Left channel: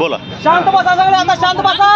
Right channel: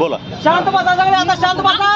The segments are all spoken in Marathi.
बोला. शांत बसा सगळे, आता शांत बसा.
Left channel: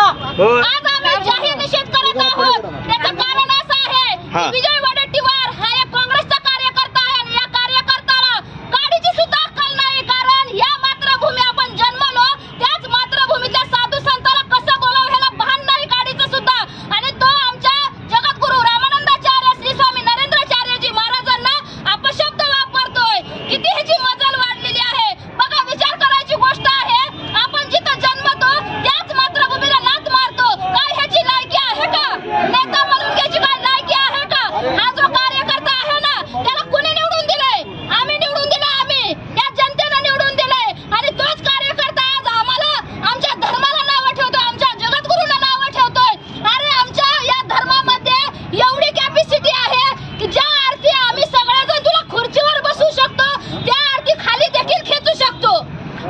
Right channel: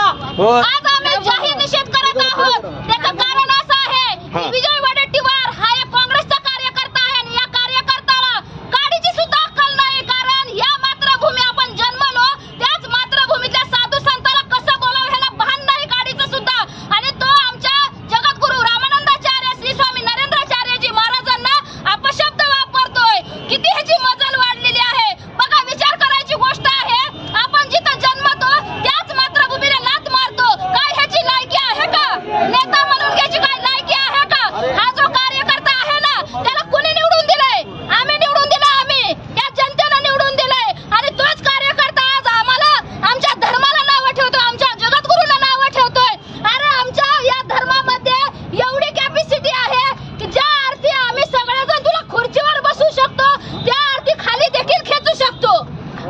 आज आम्ही जाहीर निषेध करत आहोत. त्याचं कारण असं आहे, विजय वडेट्टीवार हा एक काँग्रेसचा कार्यकर्ता आहे आणि या कार्यकर्त्याला काडीची सुद्धा अक्कल नाही. कारण या मातृभूमी आपण जन्मलो, त्याच मातृभूमीतल्या साधू संताला कसं बोलावं ह्याला भान नाही काडीचं सुद्धा. आणि तो आमच्या जगद्गुरु रामानंदाचार्य श्री स्वामी नरेंद्राचार्यजी महाराजांना अपशब्द वापरतोय. किती ह्याची मजल वाढलेली आहे बघा. विचार करायची गोष्ट आहे. आपण जिथं जन्मतो त्याच मातृभूमीला लाथ मारतो. काय ह्याची लायकी आहे का? नेता म्हणून घ्यायची काय लायकी आहे का? हा जो कार्यकर्ता आहे ना, त्याला कुणी निवडून दिलंय? आम्ही निवडून दिलं. आम्ही त्या जनतेनं निवडून दिलंय. आणि तोच कार्यकर्ता आज आम्हाला आमच्या धर्माला नावं ठेवतोय, आमच्या जगद्गुरूंना नावं ठेवतोय. अरे आमच्या या धर्मामध्ये एवढी कॅपॅसिटी आहे की ज्या अर्थी आम्ही सगळेजण तुला खुर्चीवर बसू शकतो, त्या अर्थी खाली देखील खेचू शकतो.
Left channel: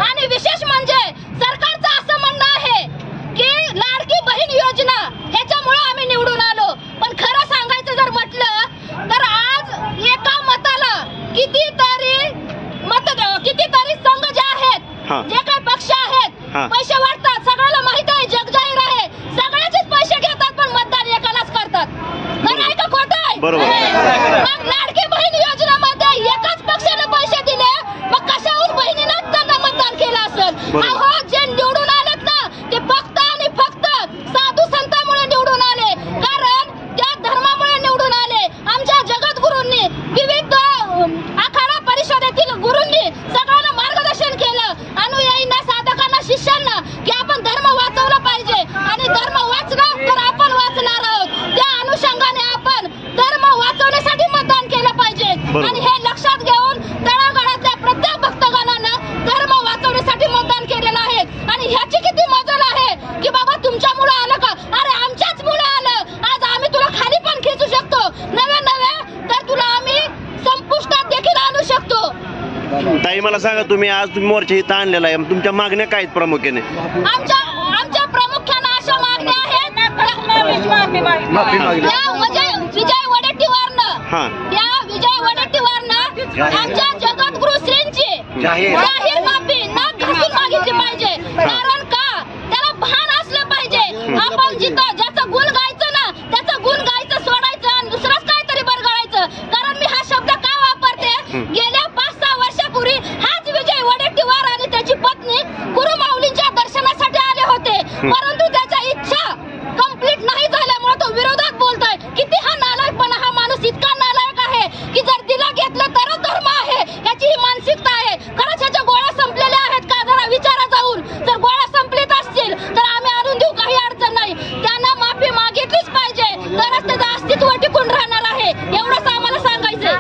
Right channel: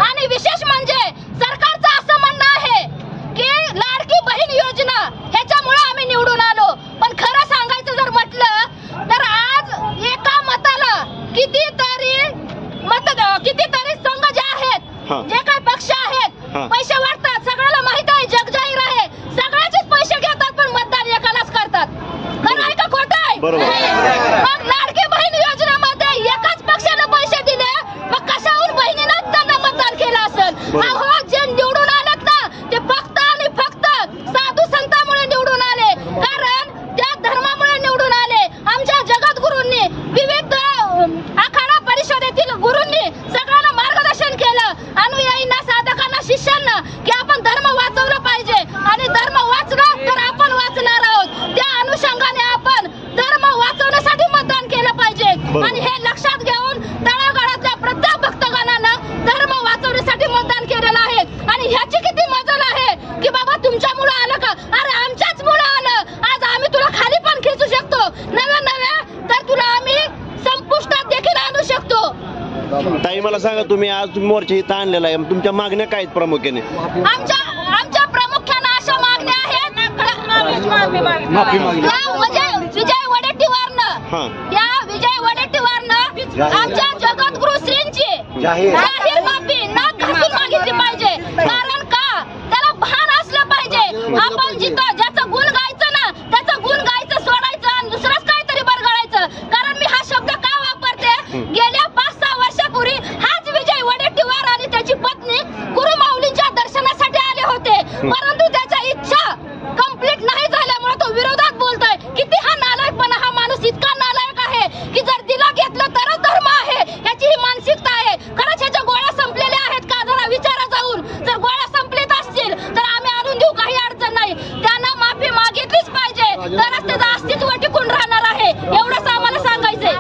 आणि विशेष म्हणजे सरकारचं असं म्हणणं आहे की लाडकी बहीण योजना ह्याच्यामुळे आम्ही निवडून आलो. पण खरं सांगायचं जर म्हटलं तर आज एका मताला कितीतरी संघ जे आहेत, जे काही पक्ष आहेत, पैसे वाटतात. सगळ्याला माहित आहे, जग जाहीर आहे. सगळ्याचेच पैसे घेतात पण मतदान एकालाच करतात. खरं आहे का खोटं आहे? मग लाडकी बहीण योजनेमध्ये एकाच पक्षाने पैसे दिले, मग कशाहून बहिणीनं त्यांना मतदान केलं असेल? अहो, जे निवडून आलेत ना ते फक्त आणि फक्त साधू संतांमुळे निवडून आले. कारण त्या धर्मामुळे निवडून आले. आमच्या जगद्गुरूंनी, विविध आखाडा परिषदेतील गुरूंनी सगळ्यांना मार्गदर्शन केलं. अनुयायींना, साधकांना, शिष्यांना की आपण धर्म वाचवला पाहिजे आणि धर्म वाचलं तर आपण वाचणार आहोत. त्या अनुषंगाने आपण धर्म वाचवण्यासाठी मतदान केलं पाहिजे. आणि हे लक्षात घेऊन तळागाळातल्या प्रत्येक भक्तगणानं धर्म वाचवण्यासाठी मतदान केलेलं आहे. आणि ह्याची किती मजल आहे की बाबा तुमच्यामुळे आलं का? अरे आमच्याच मुळे आलं. आज आम्ही तुला खाली पण खेचू शकतो, नव्हे तर तुला आम्ही संपुष्टात देखील आणू शकतो. ताई मला सांगा, तुम्ही आज मोर्चा इथं आणलेला आहे, तुमच्या मागण्या काय आहेत प्रामुख्याने? आमच्या प्रामुख्याने अशा मागण्या आहेत. विजय वडेट्टीवारनं आमच्या जगद्गुरु श्रींची जाहीर माफी नाक घासून मागितली पाहिजे. कारण का? त्याला भान असलं पाहिजे. आपण जिथं ज्याचं गुण गायचं ना, त्याचं गुण गायचं सोडायचं आणि दुसरंच काहीतरी बरगळायचं. कारण मी हा शब्द का वापरते? गेल्या 5-6 वर्षापूर्वी हाच विजय वडेट्टीवार आणि त्याची पत्नी गुरुमाऊलींच्या दर्शनासाठी आले होते. परंतु त्याच्या इच्छा कंप्लीट नाही झाल्यामुळे तो विरोधात बोलतोय. किती हा नालायकपणा! हा माणूस इतका नालायक आहे की जर दिला घेतलं तरच धर्म आहे, याची ही मानसिकता आहे. खरंच ह्याच्या गोळ्या संपलेल्या आहेत का? जरा विचारा जाऊन. जर गोळ्या संपलीत असतील तर आम्ही आणून देऊ, काही अडचण नाही. त्यांना माफी मागितलीच पाहिजे, तरच त्याचं अस्तित्व टिकून राहणार आहे. एवढंच आम्हाला सांगायचंय.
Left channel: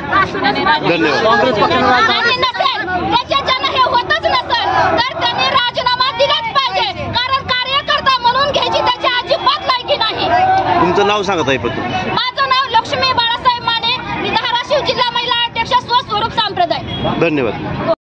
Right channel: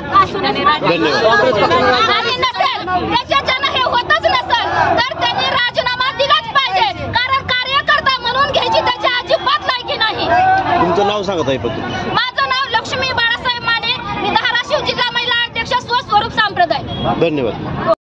आणि नसेल त्याच्यानं हे होतच नसेल तर त्यांनी राजीनामा दिलाच पाहिजे. कारण कार्यकर्ता म्हणून घ्यायची त्याची अजिबात लायकी नाही. तुमचं नाव सांगत आहे पण? माझं नाव लक्ष्मी बाळासाहेब माने. मी धाराशिव जिल्हा महिला अध्यक्ष स्वस्वरूप संप्रदाय. धन्यवाद.